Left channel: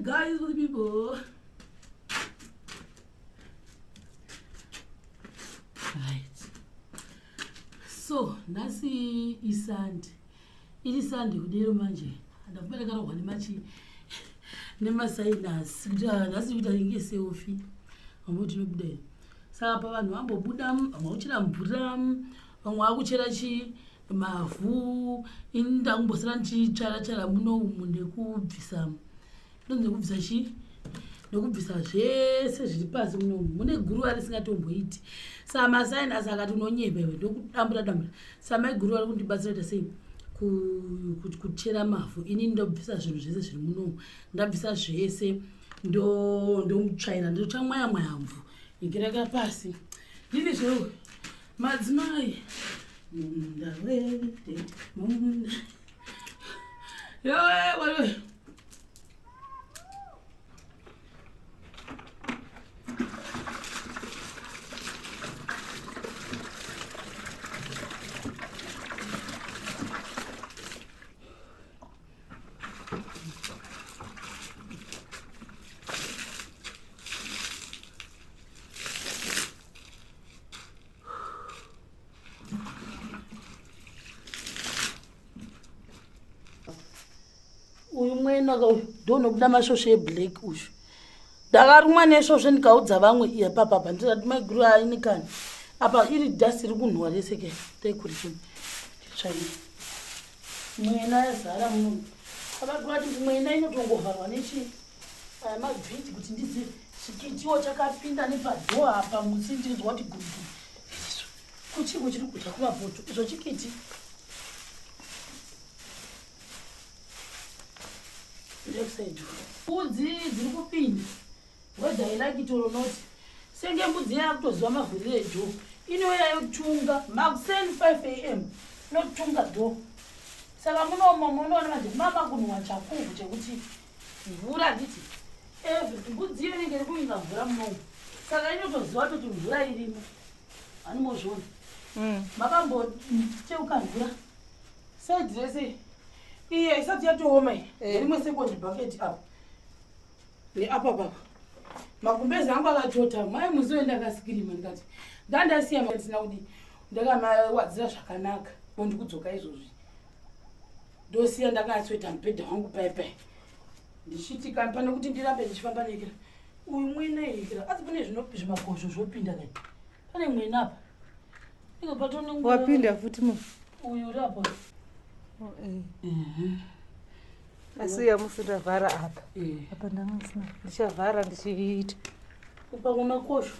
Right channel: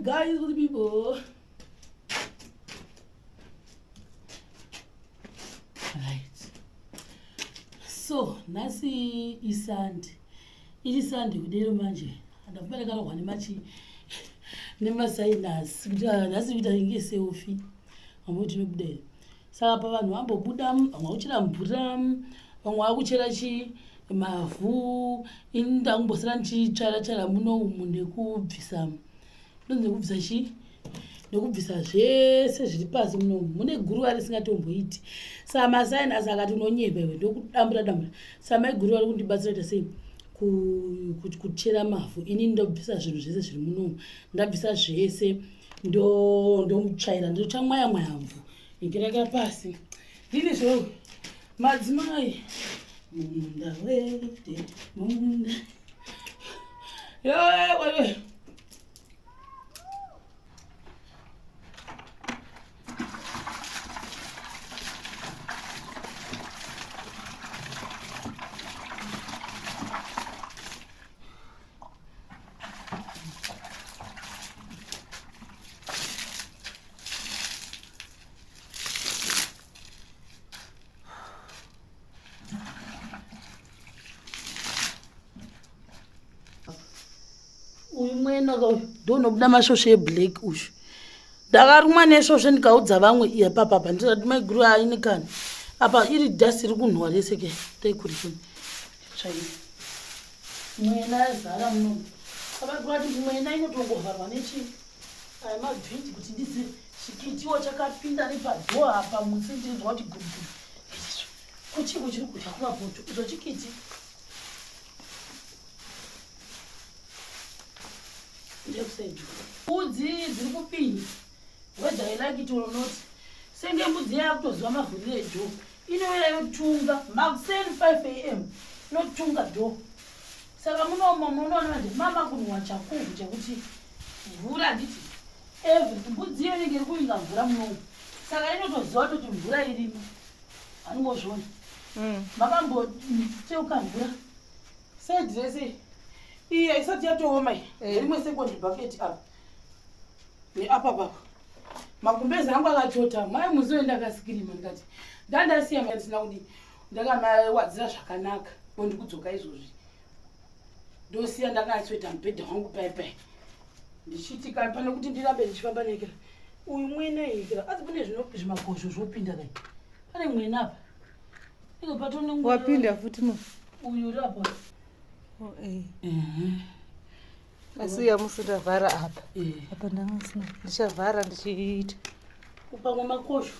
Guys, good people. Right. So, nasi isandi. Iri sandi kudero manje. Ndafumana karo hwani machi. Nema sinus. Nasi vita ingese ofi. Amuti nobudere. Saka pa vanhu vambobuda amauchira mvura, vamwe vakuchera mavhu, ini ndakumbosara ndichitsvara muno umu nekubvisa nekubvisa zvese zviri pasi muno umu. Mune guruva risingatomboiti. Saka masainasi akati unonyepa iwe ndokudambura. Saka Maiguru vari kundibatsira sei kuchera mavhu. Ini ndobvisa zvinhu zvese zviri muno umu. Ndabvisa zvese ndomutsvaira ndotsva mwaya mvhu. Nikireka pasi. Ndini zviro madzimai. Munda wete, munda. Yo. Uyu mwena ndonobuda masvosve eblack uyu. Ndakarumwa nesvosve ndikaudza vamwe iye papapa ndikati Maiguru ainikana. Apa iri dhasi riri kunhwa rese ke. Tekuri kuni. Tsvaini. Mwena zara muno. Papa kuti mwena inotongovharwa nechi. Aya mavhiti kuti ndizi chikitiwo chakapinda nepadhoa apa musi ndinzwa kuti gudu. Kuchiko chiri kudya kumapoto. Icho chikiti. Mbudzi dziri kupinda. Whether I like it or not. Senge mbudzi yakutoziva mavhuri edho. Inouya yotunga. Makuseni 5 AM. Notunga dho. Saka munoona manje mama kunwa chakuvu chekuti mvura nditi. Mbudzi iyo inenge iri kuvinga mvura muno. Saka inotoziva kuti mvura irimo. Animozviona. Makamboteuka mvura. Side rese. Iya isati yatooma rimwe second bucket apa. Apa papa. Magumbezi angu akatota. Mai muzoenda akasikirima ndikati. Ndandasiya mandisina kuti ndakamawadzira zvakanaka. Ndikudzoka izvozvi. Ndosiya ndakatsweta mubhedha wangu pai. Ndichiti pane kuti ndirambe ndichifamba neka. Uyu mwena ikira. Asi pane zvimakosho zvopinda kai. Pane mwena apa. Iko patone mwena. Wapinda futi mo. Uyu rapa. Asi yamusunda vhara apa. Apa ndamusina. Ndichavhara ndichiita. Kupangwa makosho.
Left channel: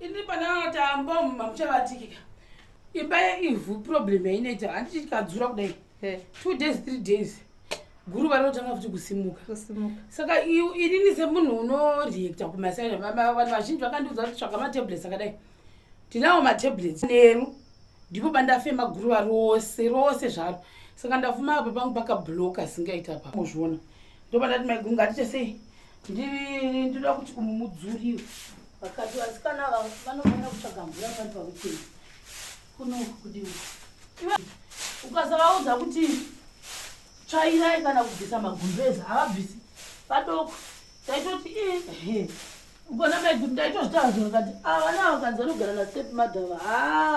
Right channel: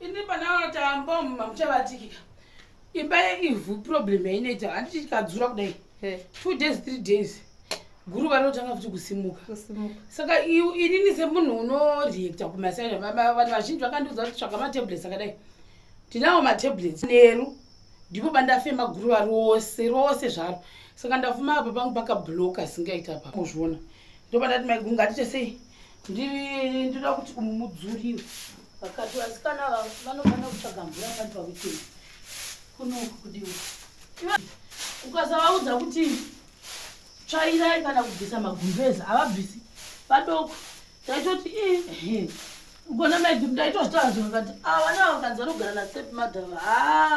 Ini pana tambo muchabatikika. Imba yeivhu problem yainoita handiti tikadzura kudai. 2 days 3 days. Guruva rinotanga futi kusimuka. Saka inini semunhu unoreacta kumasaini vanhu vazhinji vakandiudza kuti tsvaga matablets akadai. Tinawo matablets neru. Ndipo bandafema guruva rose zvaro. Saka ndafuma apa pangu pakabloka singaita apa. Muzviona. Ndipo ndati Maiguru ngatiite sei? Ndinoda kuti umudzuriwe. Vakati vasikana vanofanira kutsvaga mvura vanhu pakuchena. Kuno kudiwa. Ukasavaudza kuti tsvairai kana kubvisa magumbezi havabvisi padoko. Taitoti ugona Maiguru ndaitozvitarazvo vakati vana vakanzi vanogara nastep madhava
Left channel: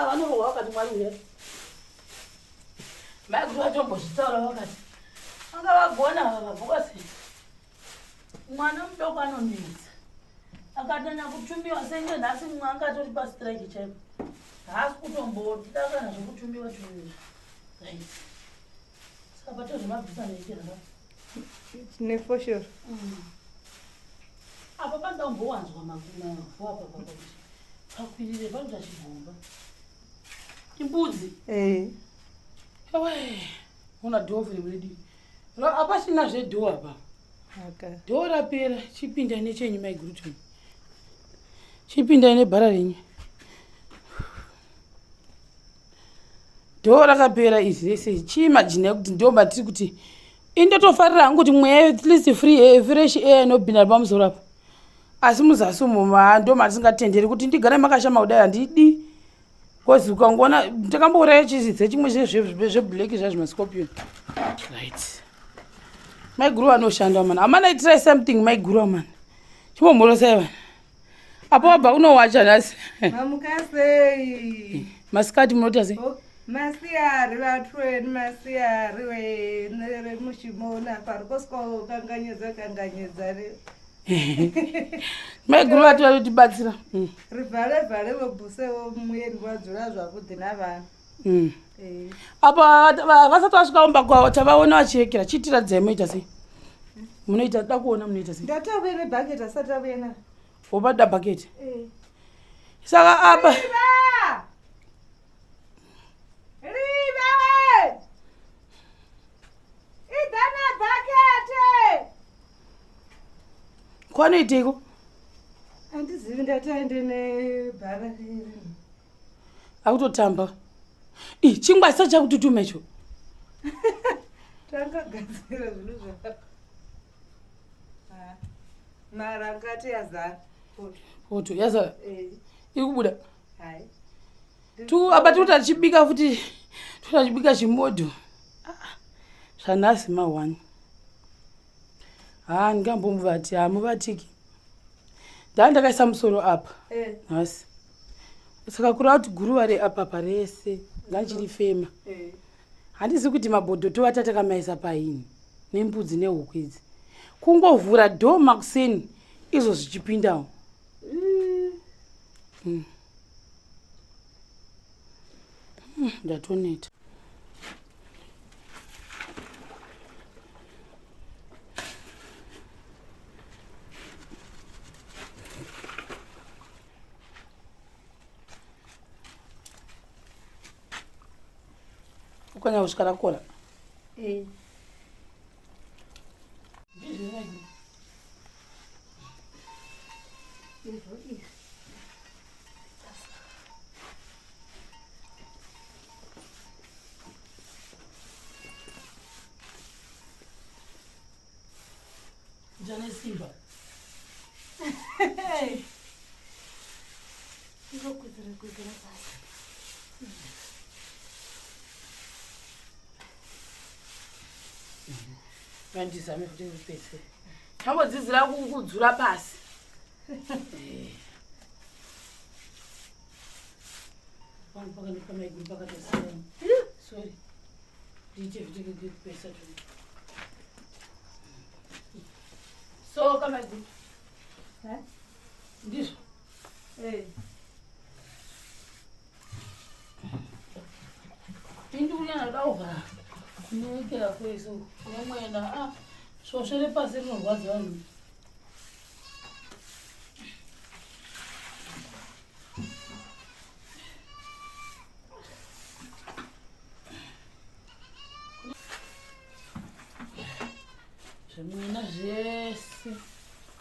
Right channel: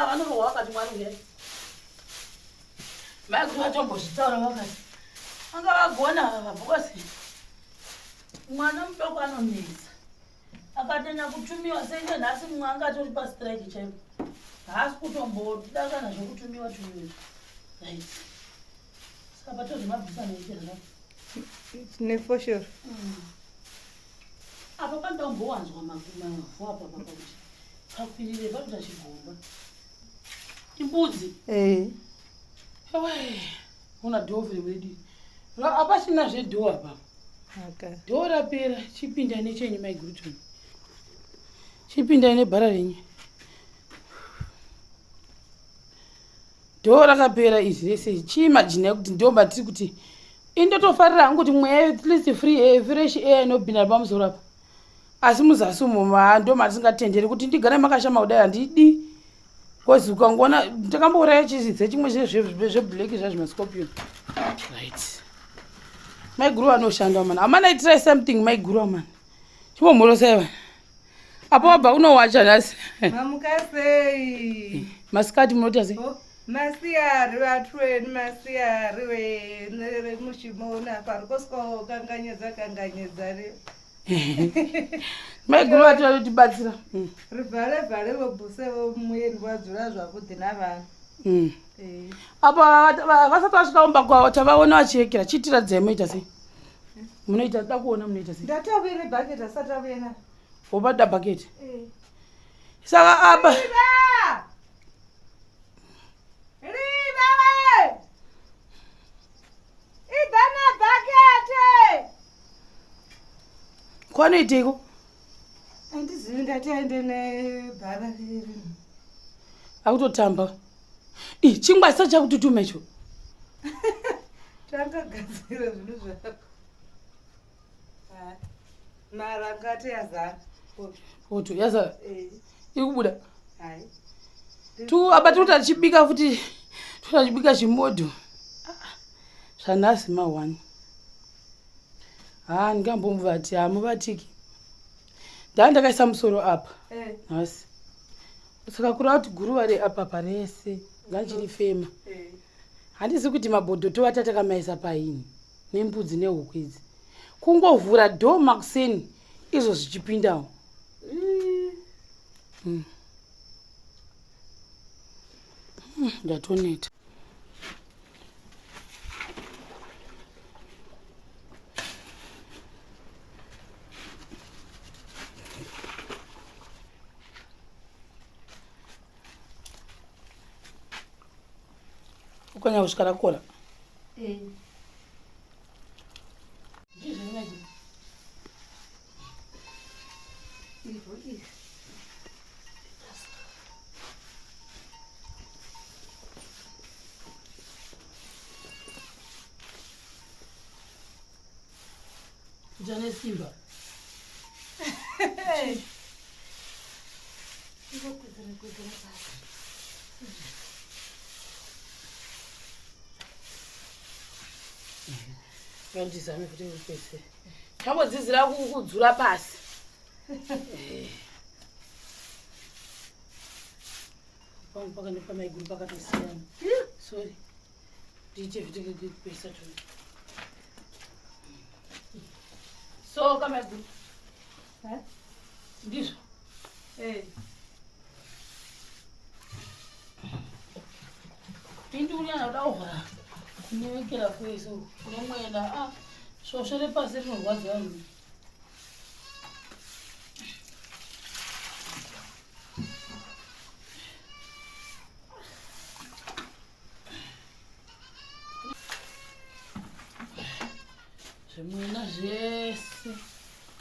vanorohwa vakati Mwari uya. Maiguru vatombozvitaura vakati anga vagona vabhokasi mwana mudoko anomedza akatenya kutumiwa senge nhasi mumwe angatori pastrike chaipo. Haasi kutombotida kana zvokutumiwa tumiwa. Right. Abato mabvisa naitira. For sure. Apa pandaumbowanzwa mavhu apa kuti pakwirire vanhu vachigomba. Imbudzi. Una dhovu redu. Apasina zvedho apa. Dho rapera chipinda nechenyu Maiguru tuni. Chipinda nebhara renyu. Dho rakapera izvi rese. Chiimagine kuti ndomba tiri kuti indotofarira hangu kuti mweya at least free air fresh air inopinda pamusoro apa. asi muzasi umo ndo matingatenderi kuti ndigare makashama kudai handidi. Kozi ukangoona ndakambouraya chizidze chimwe zveblack zvazvimascorpion. Right. Maiguru anoshanda man. Amana try something Maiguru man. Chimbomhorosai vana. Apo wabva unowacha nhasi. Mamukasei. Masikati munoti sei? Masiyari vatweni masiyari we nere mushimona parikosko kanganyedza re. Maiguru atotibatsira. Rivhare vobhuse muyeni wadzura zvakudhi navana. Apa vasati vasvika umba kwavo tavaona vachiyekera chitiradzai munoita sei? Munoita da kuona munoita sei? Ndatavere bhaketi asati avena. Wobada bhaketi? Saka apa kwanoiteiko? Handizivi ndati aende nebhara riri. Akutotamba. Chingwa chisa chakututuma icho. Takagadzira zvinhu zvako. Mara ngati yazara. Foto yaza. Ikubuda. Hai. Tu apa tutachibika futi tutachibika chimodho. Zvanhasi ma1. Ndingambomuvati hamuvatiki. Ndakaisa musoro apa. Nhasi. Saka kuri kuti guruva reapa parese ngachirifema. Handisi kuti mabhodho tovata takamaisa paini nembudzi nehuku idzi. Kungovhura dho makuseni izvo zvichipindawo. Ndatoneta. Ukanya kusvika rakora. Jane Simba. Kudzura basi. Vandizame kuti ndipese. Kambodzidzira kudzura pasi. Paka nepamaiguru pakatosiyana. Sorry. Ndiite kuti ndipesa tu. So kamaiguru. Ndizvo. Nduri anoda kuvhara. Kunowekera kweso nemwena svosvo repasi rinorwadza vanhu. Zvimwena zvese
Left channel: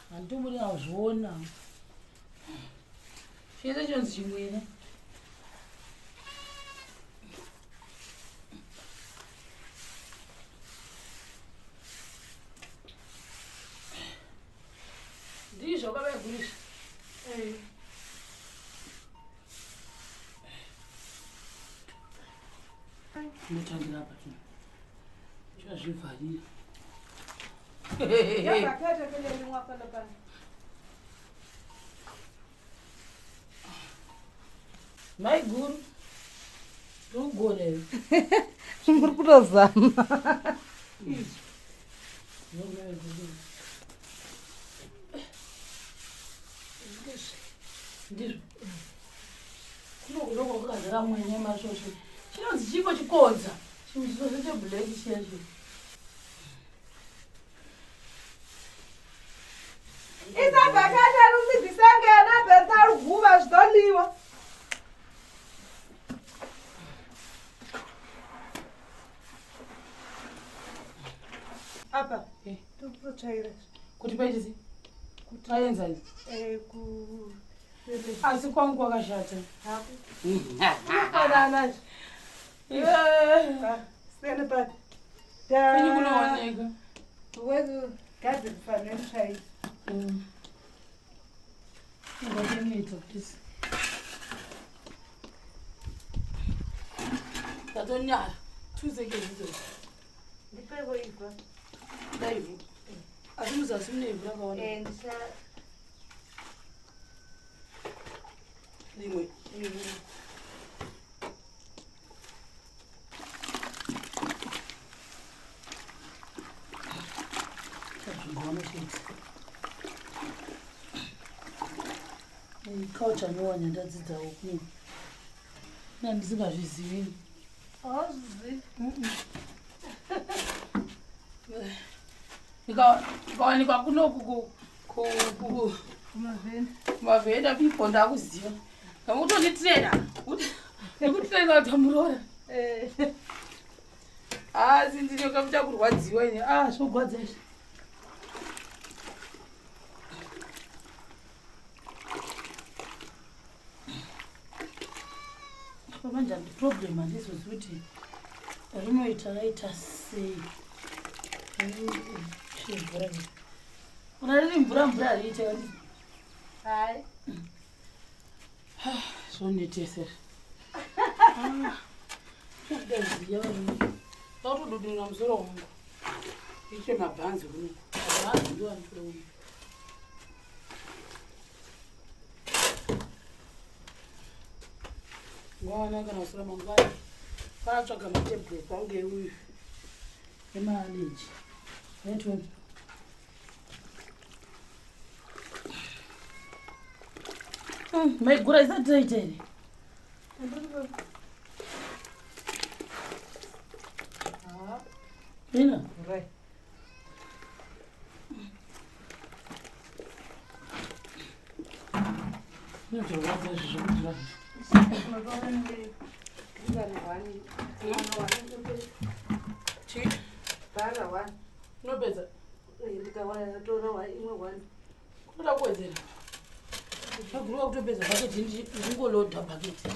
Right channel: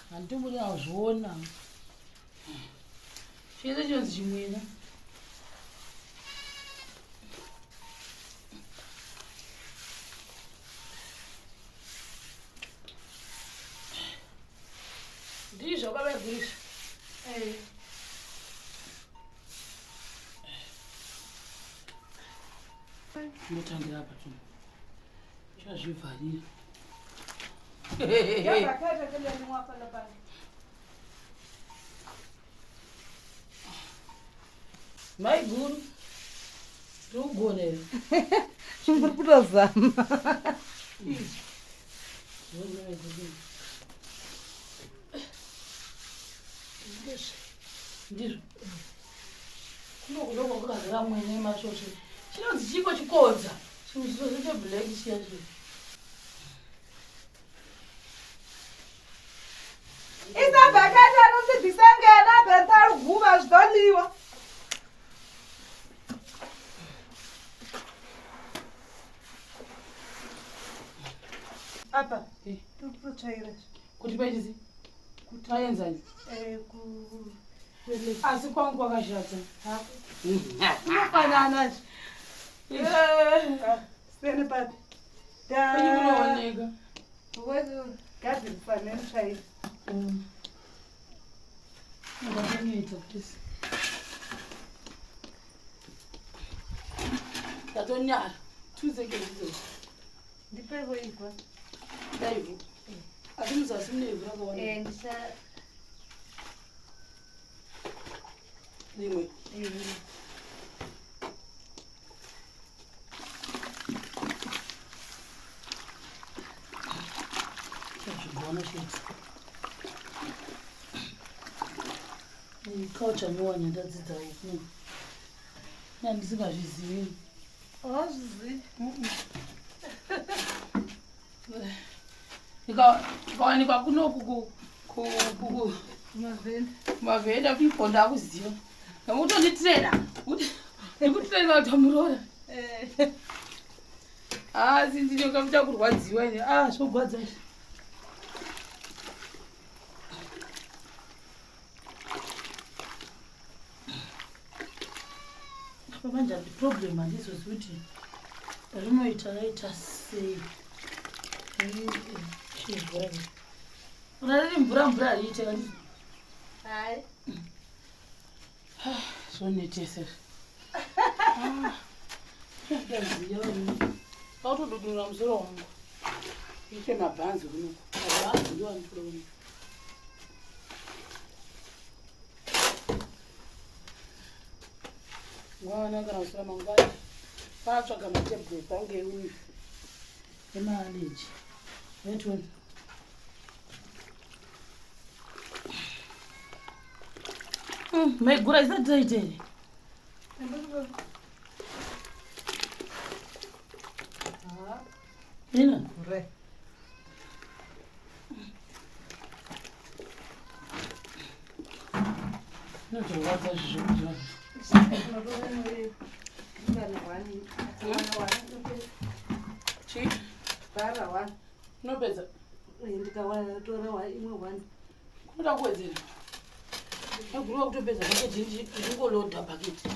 handitombori nazviona. Chese chonzi chimwena. Ndizvo kamaigurisha. Ndinotangira apa tu. Chazvivharira. Maiguru. Ndogona here. Muri kutozama. Ndizvo. Kunokuda kwakazara mwene masvosve. Chinonzi chipo chikodza. Chimwe cheblack chiya chiya. Isabhakati anozibvisangana bhenta ruguva zvitoliwa. Apa tokutotsvaira kuti paitisi kuti aenzani asi kwangu kwakashata unofanana sene pati kunooneka gadhi rifanire tsvaira Zvinoita please. Tatonyara. 2 seconds izvo. Ndipewo ibva. Daivu. Asi muzasi mune ivhu rakaona. Ndisa. Rimwe. Culture muwanya ndadzidza uku. Ndisingazvizivi. Awazvizivi. Ikawanikwa kunoku kumavhenda people ndakuziva. Ngamutonditrena ndikutrena kuti amurora. Asi ndinokamuta kurwadziwa ine. Zvogwadza izvi. Manje problem handizozivi kuti rinoita raita sei. Una riri mvura hariite kandizi. Hai. Zvonetesera. Ndakutodudura musoro wangu. Iite mabhanzi kuno. Mabhanzi ndiwo anofura kuno. Mwana kana kusura mangwani. Patsvaga matebhuro pange uyu. Emaaleji. Netoni. Maiguru isati taita ine. Ina? Right. Ndozorwadza zvekuti vanhu. Chii? Unopedza? Kunoda kuwedzera. Maiguru wakutopedza bhaketi ndingolodha bhaketi.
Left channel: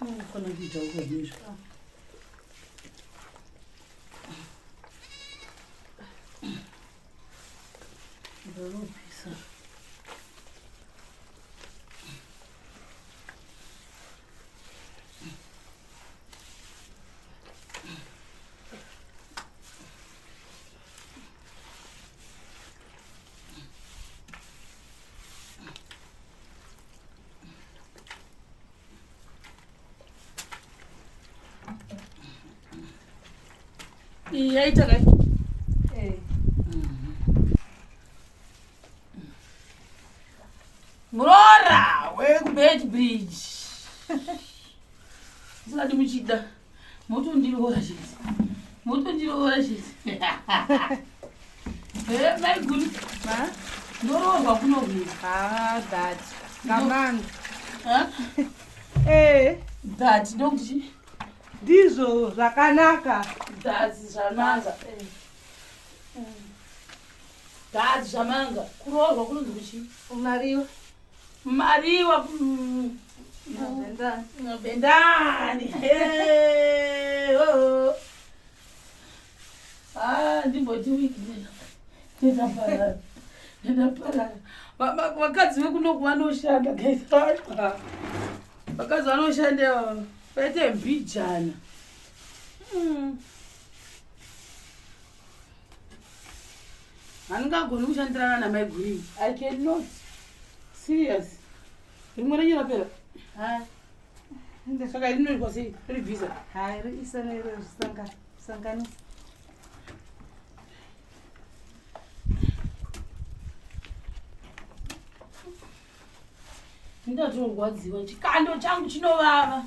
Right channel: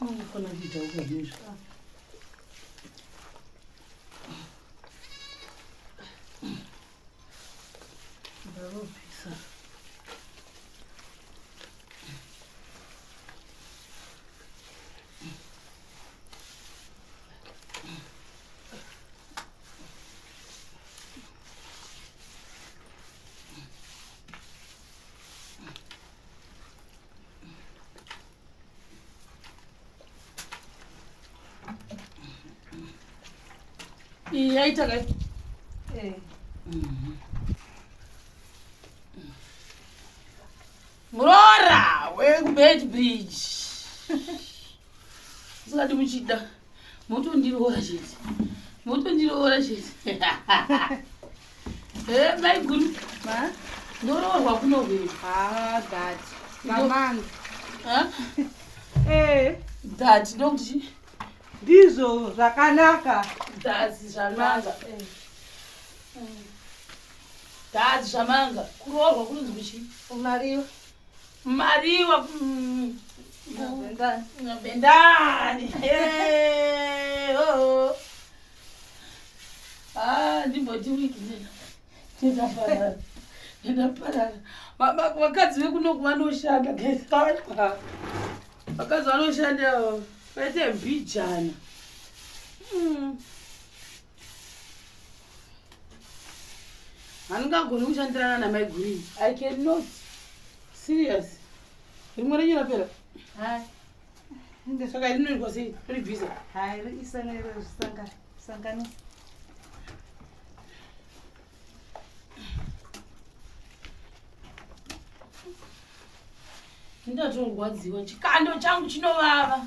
Unofana kuita ukazvinizvo. Ndarobvisa. Yaita kai? Murora weBeitbridge. Usingati muchida. Motondiroora chete. Maiguru. Ndoroorwa kunoweza. That. Ngamanga. That ndokuti Ndizvo zvakanaka. That's zvakanaka. That's zvakanaka. Kuroorwa kunonzi kuchii? Mariwa. Bendani. Ndimboti wiki ndaparara. Vakadzi vekunoku vanoshanda guys. Vakadzi vanoshanda pete mbijana. Handingagoni kushandirana naMaiguru. I cannot. Serious. Rimwe renyu rapera. Saka rinoitwa sei? Ribvisa. Hai, risanero sanganisa. Ndatorwadziwa chikando changu chinovava.